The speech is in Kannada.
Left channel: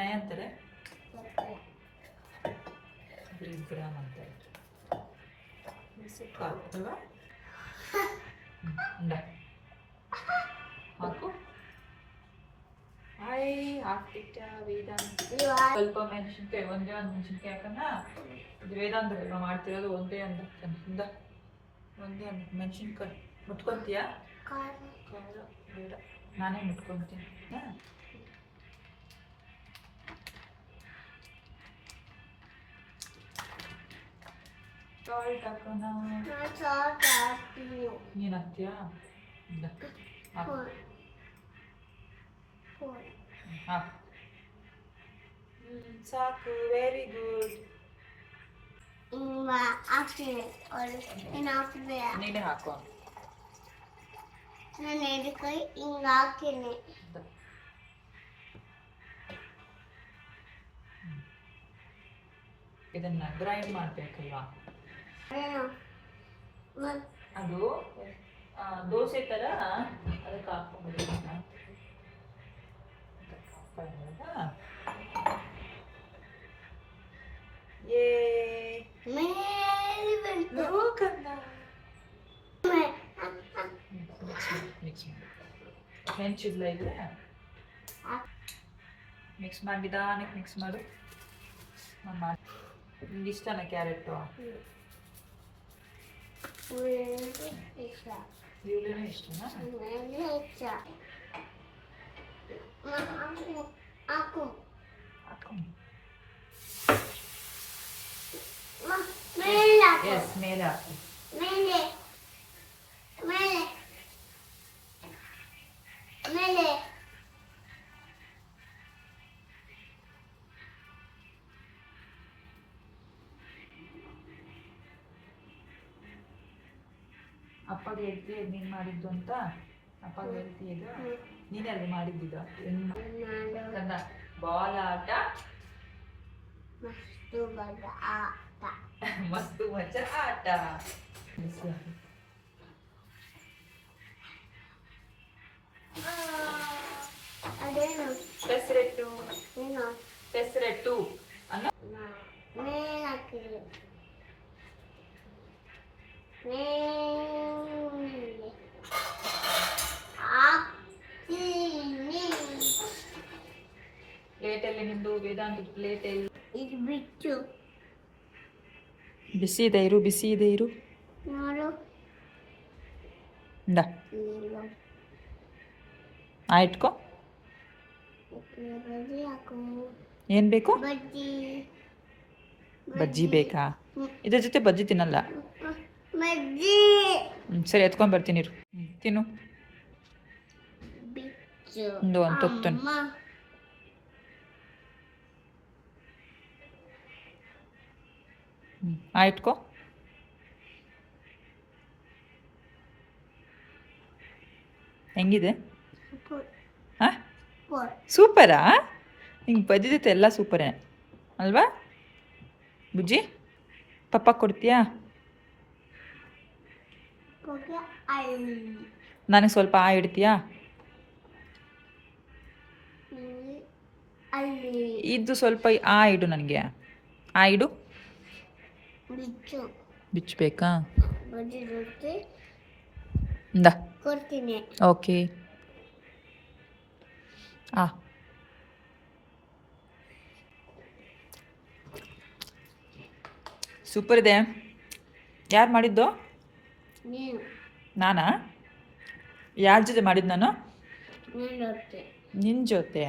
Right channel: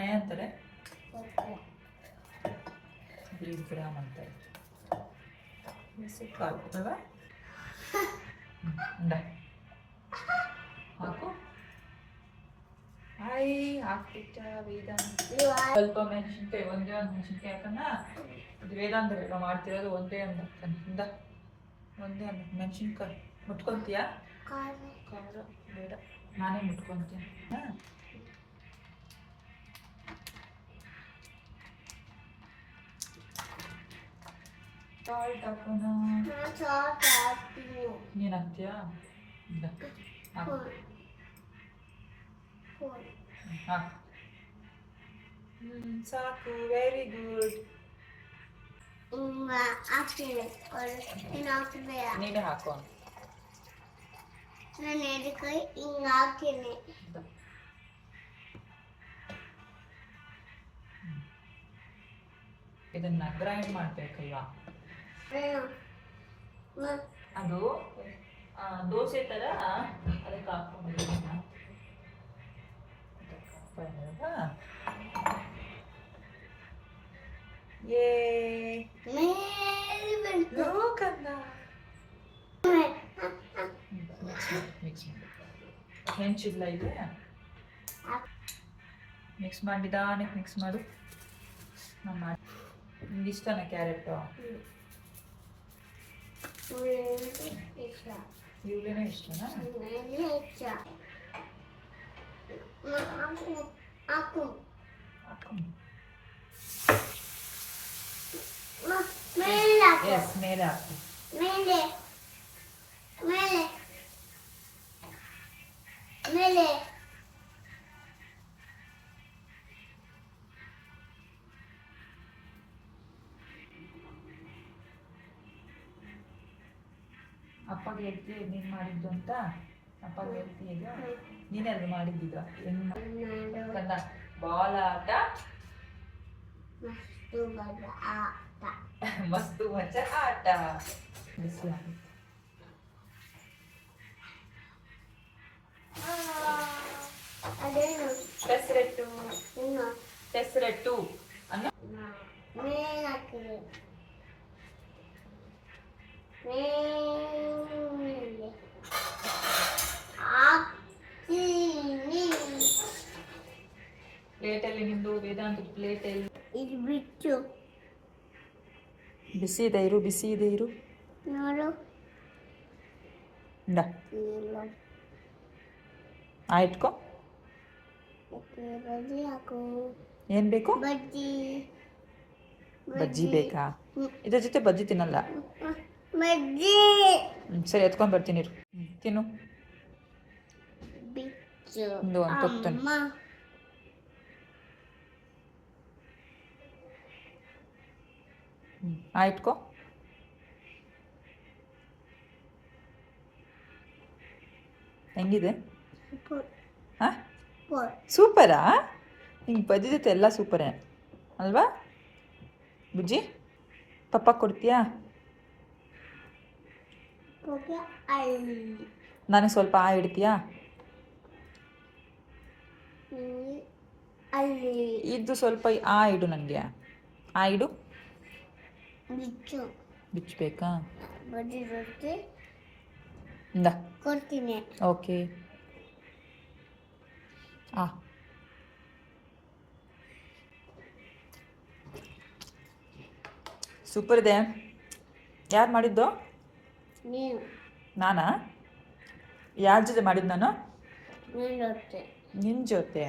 ಇದನ್ನ ಏನಂತಾರೆ? ಗ್ರಾಮ್ ಅಂತಾರೆ. ಅಲ್ವಾ? ಹಾಕು. ಹಾಕ್ಬಿಟ್ಟ ವೇದಾಂತ. ಸ್ವಲ್ಪ ಮೆಣಸಿನ್ಕಾಯಿ, ಒಂದೇ ಒಂದು ಮೆಣಸಿನ್ಕಾಯಿ ಹಾಕನ್ನ. ಇದು ವೇದಾಂತ ಮಾಡ್ತಿರೋದು ಒಂದೇ ಒಂದು ಒಂದೇ ಒಂದು ಮೆಣಸಿನ್ಕಾಯಿ. ಮುಟ್ಕೊಂತೀಯಾ? ಬೇಡ, ನಾನೇ ಮುಟ್ಕೊಂತೀನಿ. ಸಾಲ್ಟ್ ಹಾಕೋಣ. ನೀನು ಹಾಕ್ತೀಯಾ? ಇಲ್ಲ, ಹಾಕು. ಸಾಕು, ವೆರಿ ಗುಡ್. ನೀನೇ ಹಾಕೋ. ನಾನು ಎಡಕೈ ಹಿಂಗ ಹಾಕ್ತೀನಿ. ಇದನ್ನ ಗ್ರೈಂಡ್ ಮಾಡ್ಬೇಕಲ್ವಾ? ಅದು ದೋಸೆ ತರ ಅದಕ್ಕೆ ಹಾಕ್ಕೊಂಡಿದ್ದೀನಿ. ಹೆಂಚಿಲ್ಲ ಇದೆ, ಮಿಕ್ಸ್ ಮಾಡಿದಾನೆ. ಮಿಕ್ಸ್ ಮಾಡು. ನಿಮ್ಗೆ ಇಷ್ಟನಾ ಕ್ಯಾರೆಟು? ಇವಳೇನೋ ಇಷ್ಟನಾ? ಹಾಕು. ಮೇಲೆ ಹಾಕು. ಮೇಲೆ ಅಪ್ಪಗೆ ಹೇಳ್ತೀಯ ನೀನು ಮಾಡಿದ್ದು ಅಂತ? ಅಪ್ಪಗೆ ಹೇಳ್ತೀಯ? ಈಗ ನೀನೆಲ್ಲ ಮಾಡಿದ್ದಿದ್ದ ಕನ್ನ ಬಾಲ್ ಆಟ, ಮಸ್ತು ಮಚ್ಚ ಆಟ. ಪೆಸರಟ್ಟು ಪೆಸರಟ್ಟು ಅನ್ನ ಪ್ಲೇಟಲ್ಲಿ ನಿಂದು ವೇದಾಂತ ಪ್ಲೇಟಲ್ಲಿ ಇದು ಬಿಟ್ಟು ಬಿಸಿ ಇದೆ ಇರು, ಬಿಸಿ ಇದೆ ಇರು. ನೋಡು ಆಯ್ತ್ಕೋ. ಬಜ್ಜಿ ಹಾಕು. ಏನ್ ಬೇಕು? ಬಜ್ಜಿ. ಬಜ್ಜಿ ಬೇಕಾ? ಇದ್ರ ಜೊತೆ ಬಜ್ಜಿ ತಿನ್ನಲ್ಲ. ಬಜ್ಜಿ ಸರಿ, ಎತ್ಕೊಂಡ್ ಬರ್ತೀನಿ ಇರು. ತಿನ್ನು. ಒಂದು ತುತ್ತು. ಆಯ್ತ್ಕೋ. ಹೆಂಗಿದೆ? ಸೂಪರಾ? ಹಿಂಗೆ ಬಜ್ಜಿ ಜೊತೆ ಎಲ್ಲ ಸೂಪರೇ ಅಲ್ವಾ ಬುಜ್ಜಿ? ಪಪ್ಪ ಕೊಡ್ತೀಯಾ? ನನಗೆ ಸ್ವಲ್ಪ ಇಡ್ತೀಯಾ? ಇದು ಸ್ವಲ್ಪ ಇಡು ನನಗೆ. ಇಡು. ಬಿಚ್ಚಬೇಕಾ? ಕೊಡ್ತೀನಿ. ಓಕೆ. ಸೂಪರ್ ಇದೆ. ಯಾರು ಮಾಡಿದ್ದು? ನಾನಾ? ಯಾರ ಜೊತೆ ಮಾಡಿದ್ದು ನಾನು? ನಿನ್ನ ಜೊತೆ.